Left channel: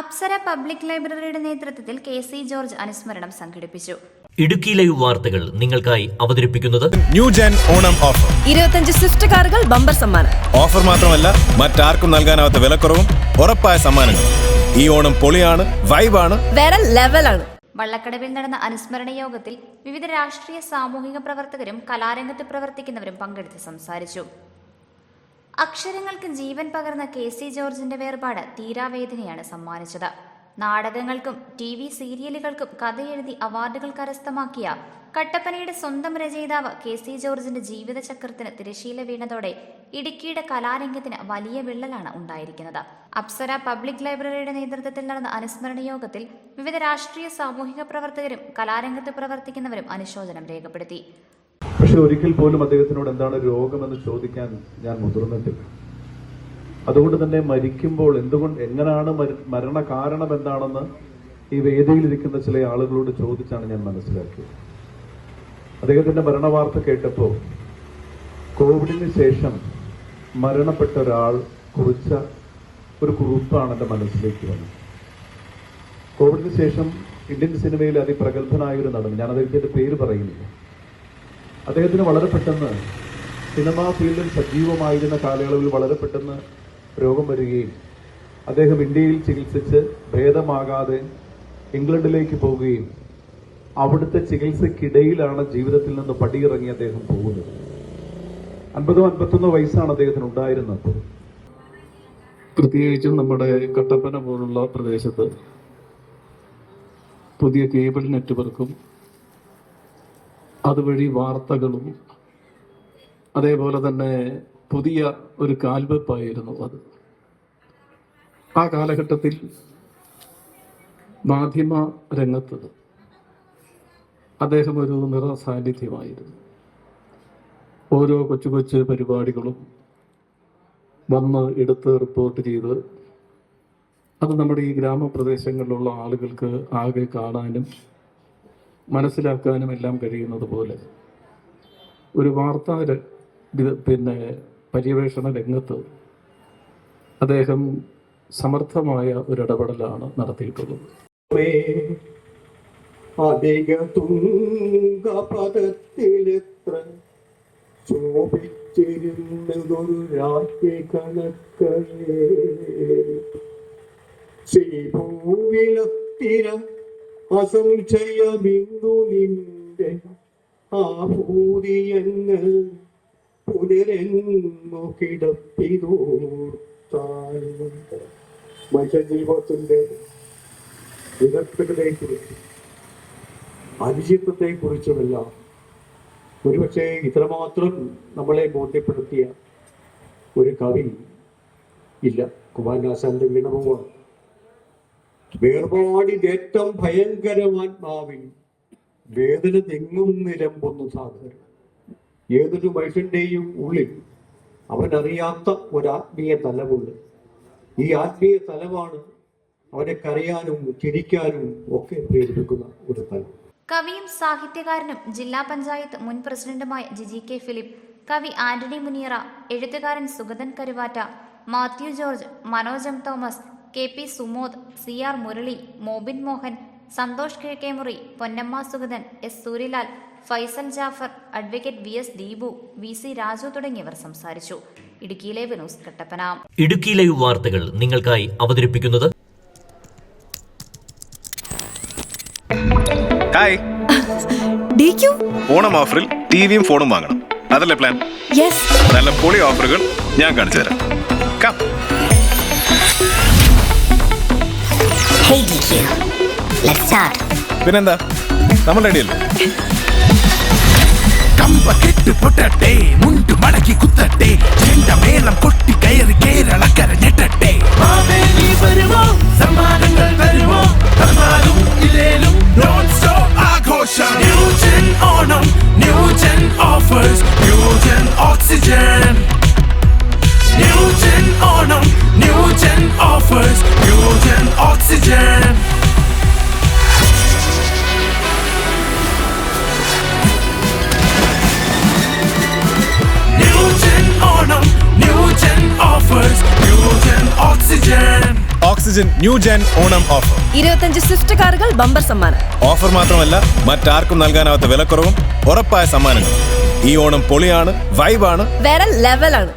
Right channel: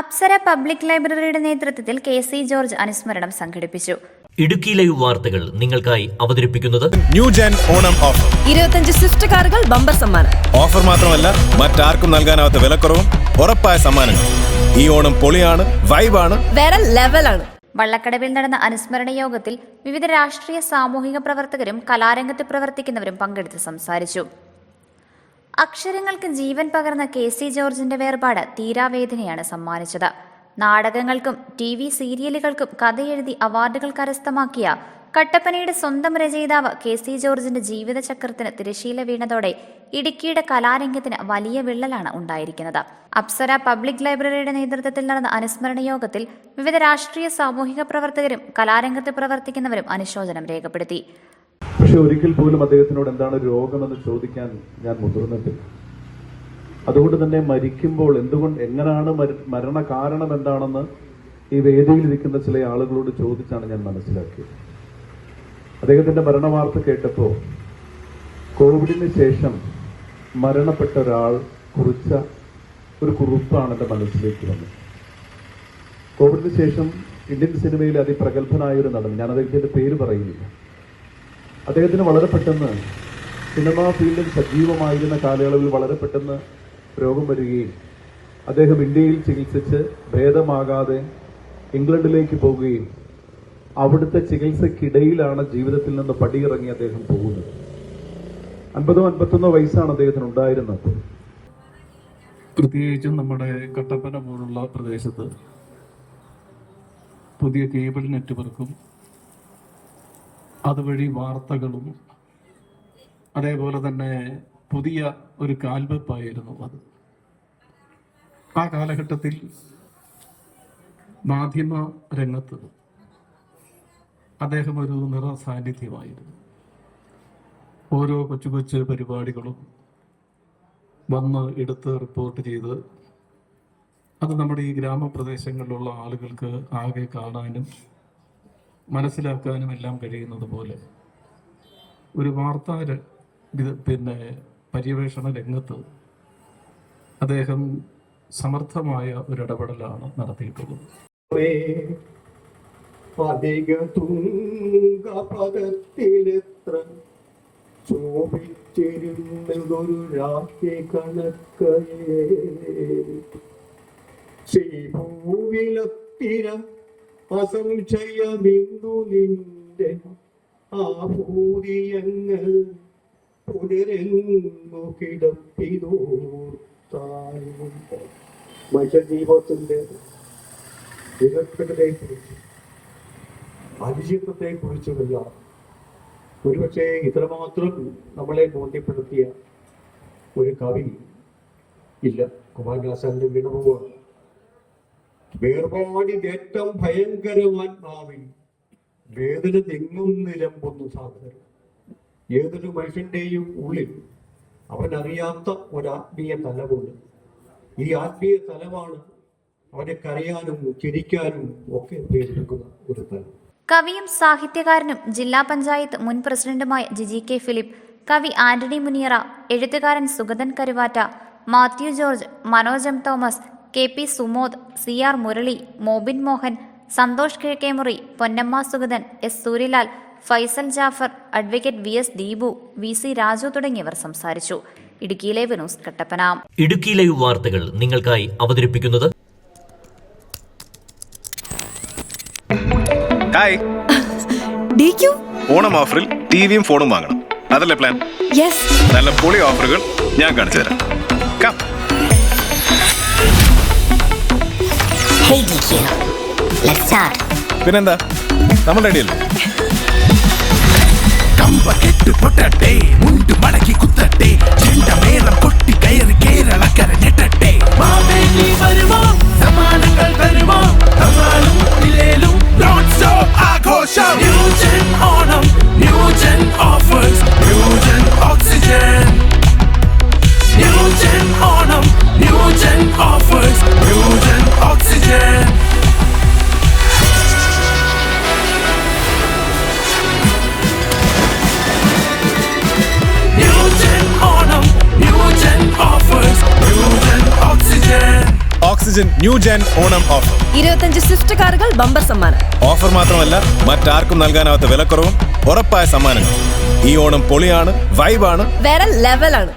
Apsara public ലൈബ്രറിയുടെ നേതൃത്വത്തിൽ K C. George അനുസ്മരണം സംഘടിപ്പിച്ചു. ഇടുക്കി ലൈവ് വാർത്തകൾ നിങ്ങൾക്കായി അവതരിപ്പിക്കുന്നത് new gen Onam offer. 25 Swift കാറുകൾ ബമ്പർ സമ്മാനം. ഓഫർ മാത്രമല്ല, മറ്റാർക്കും നൽകാനാവാത്ത വിലക്കുറവും ഉറപ്പായ സമ്മാനങ്ങൾ. ഈ ഓണം പൊളിയാണ്, വൈബാണ്, വേറെ ലെവലാണ്. വള്ളക്കടവിൽ നടന്ന അനുസ്മരണ യോഗത്തിൽ വിവിധ രാഷ്ട്രീയ സാമൂഹിക പ്രവർത്തകരും കലാരംഗത്ത് പ്രവർത്തിക്കുന്നവരും പങ്കെടുത്ത് സംസാരിച്ചു. അക്ഷരങ്ങൾക്ക് ജീവൻ പകർന്ന കെ.സി. ജോർജിന്റെ വേർപാട് തീരാവേദനയാണ് സമ്മാനിച്ചത്. നാടകങ്ങൾക്കും TV സീരിയലുകൾക്കും കഥയെഴുതി അവാർഡുകൾ കരസ്ഥമാക്കിയ കട്ടപ്പനയുടെ സ്വന്തം രചയിതാവ് കെ.സി. ജോർജിന്റെ ജീവിതചക്രത്തിന് തിരശീല വീണതോടെ ഇടുക്കിയുടെ കലാരംഗത്തിന് വലിയ വിള്ളലാണ് ഉണ്ടായിരിക്കുന്നത്. അപ്സര പബ്ലിക് ലൈബ്രറിയുടെ നേതൃത്വത്തിൽ നടന്ന അനുസ്മരണ യോഗത്തിൽ വിവിധ രാഷ്ട്രീയ സാമൂഹിക പ്രവർത്തകരും കലാരംഗത്ത് പ്രവർത്തിക്കുന്നവരും അനുശോചനം രേഖപ്പെടുത്തി. പക്ഷെ ഒരിക്കൽ പോലും അദ്ദേഹത്തിനോട് എന്താണ് രോഗമെന്ന് ചോദിക്കാൻ ഞാൻ മുതിർന്നിട്ടില്ല. അതുകൊണ്ട് തന്നെ മരിക്കുമ്പോൾ എങ്ങനെയാണ് മരണ കാരണം എന്താണെന്ന് ഈ വേദിയിലിരിക്കുന്ന ചില ആളുകളോട് ചോദിച്ചാണ് ഞാൻ മനസ്സിലാക്കിയത്. അദ്ദേഹത്തിന്റെ മരണവാർത്ത കേട്ടപ്പോൾ കോവിഡിന് ശേഷം മരണപ്പെട്ട ഒരാൾ കുറിച്ച ഒരു കുറിപ്പാണ് എന്റെ മനസ്സിലേക്ക് വന്നത്. കോവിഡിന് ശേഷം ഇന്ത്യൻ സിനിമയിൽ അതിപ്രഗത്ഭനായ ഒരു നടൻ, ഞാൻ അദ്ദേഹത്തിന്റെ പേര് പറയുന്നില്ല, അദ്ദേഹത്തിന് വളരെ പെട്ടെന്ന് സിനിമാ ഫീൽഡിൽ സജീവമായിരുന്ന കാലയളവിൽ വളരെ പെട്ടെന്ന് രോഗം വരികയും അദ്ദേഹം ഇന്ത്യയിൽ ചികിത്സിച്ച് ഭേദമാകാതെ ഇംഗ്ലണ്ടിലേക്ക് പോവുകയും അവിടുത്തെ ചികിത്സക്കിടയിലാണ് ജീവിതത്തിൽ നിന്ന് പടിയിറങ്ങി അദ്ദേഹം പോകുന്നത്. 50-51 വയസ്സാണ് അദ്ദേഹത്തിന് ഉണ്ടായിരുന്നത്. പ്രത്യേകിച്ചും നമ്മുടെ കട്ടപ്പന പോലുള്ള പ്രദേശത്ത് പുതിയ കേബിൾ നെറ്റ്വർക്കും അതുവഴി വാർത്തകളും അതേപോലെ തന്നെ പുതിയ ഒരു കാൽവെപ്പായിരുന്നു അത്. ആ കാലഘട്ടത്തിൽ മാധ്യമ രംഗത്ത് അദ്ദേഹം ഒരു നിറസാന്നിധ്യമായിരുന്നു. ഓരോ കൊച്ചു കൊച്ചു പരിപാടികളും വന്ന് എടുത്ത് റിപ്പോർട്ട് ചെയ്ത് അത് നമ്മുടെ ഈ ഗ്രാമപ്രദേശങ്ങളിലുള്ള ആളുകൾക്ക് ആകെ കാണാനും മനസ്സിലാക്കാനും എല്ലാം കഴിയുന്നത് പോലെ ഒരു വാർത്താ പര്യവേഷണ രംഗത്ത് അദ്ദേഹം സമർത്ഥമായ ഒരു ഇടപെടലാണ് നടത്തിയിട്ടുള്ളത്. അസംശയ ബിന്ദു നിന്റെ ആഭൂതിയങ്ങൾ പുനരെന്നു കിടപ്പിതോർത്താലും മനുഷ്യജീവിതത്തിന്റെ വിദഗ്ധതയെക്കുറിച്ച് അനിശ്ചിതത്വത്തെക്കുറിച്ചുമെല്ലാം ഒരുപക്ഷെ ഇത്രമാത്രം നമ്മളെ ബോധ്യപ്പെടുത്തിയ ഒരു കവി ഇല്ല. കുമാരനാശാന്റെ വീണവുമാണ്. വേർപാടിന്റെ ഏറ്റവും ഭയങ്കരമാത്മാവിൽ വേദന തെങ്ങും നിലമ്പൊന്നു സാധനം. ഏതൊരു മനുഷ്യന്റെയും ഉള്ളിൽ അവനറിയാത്ത ഒരാത്മീയ തലമുണ്ട്. ഈ ആത്മീയ തലമാണ് അവനെ കരയാനും ചിരിക്കാനും ഒക്കെ പ്രേരിപ്പിക്കുന്ന ഒരു തലം. കവിയും സാഹിത്യകാരനും ജില്ലാ പഞ്ചായത്ത് മുൻ പ്രസിഡന്റുമായ ജിജി കെ ഫിലിപ്പ്, കവി ആന്റണി മുനിയറ, എഴുത്തുകാരൻ Sugathan Karuvatta, Mathew George, Manoj M Thomas, KP Sumod, CR Murali, Mobin Mohan, Santhosh Kizhakkemuri, Ponnamma Sugathan, S Suryalal, Faisal Jafar, advocate VS Deepu, VC Raju തുടങ്ങിയവർ സംസാരിച്ചു. Idukki live news Kattappana. Idukki live വാർത്തകൾ നിങ്ങൾക്കായി അവതരിപ്പിക്കുന്നത് ഹായ്. ഓണം ഓഫറിൽ ടിവിയും ഫോണും വാങ്ങണം, അതല്ലേ പ്ലാൻ? നല്ല പൊളി ഓഫറുകൾ ഞാൻ കാണിച്ചു തരാം. പിന്നെന്താ, നമ്മൾ റെഡിയല്ലേ? കമ്പ കെട്ട് പൊട്ടട്ടെ, മുണ്ടു മടക്കി കുത്തട്ടെ, ചെണ്ടമേളം കൊട്ടി കയറി കേരളക്കര ഞെട്ടട്ടെ. വരുമോ സമ്മാനങ്ങൾ തരുമോ, തന്നാലും ഇല്ലേലും നോൺ സ്റ്റോപ്പ് ആഘോഷം. New gen Onam, new gen offers, new gen Oxygen. New gen Onam, new gen offers, new gen Oxygen. Oxygen new gen Onam offer. 25 Swift കാറുകൾ ബമ്പർ സമ്മാനം. ഓഫർ മാത്രമല്ല, മറ്റാർക്കും നൽകാനാവാത്ത വിലക്കുറവും ഉറപ്പായ സമ്മാനങ്ങളും. ഈ ഓണം പൊളിയാണ്, വൈബാണ്, വേറെ ലെവലാണ്.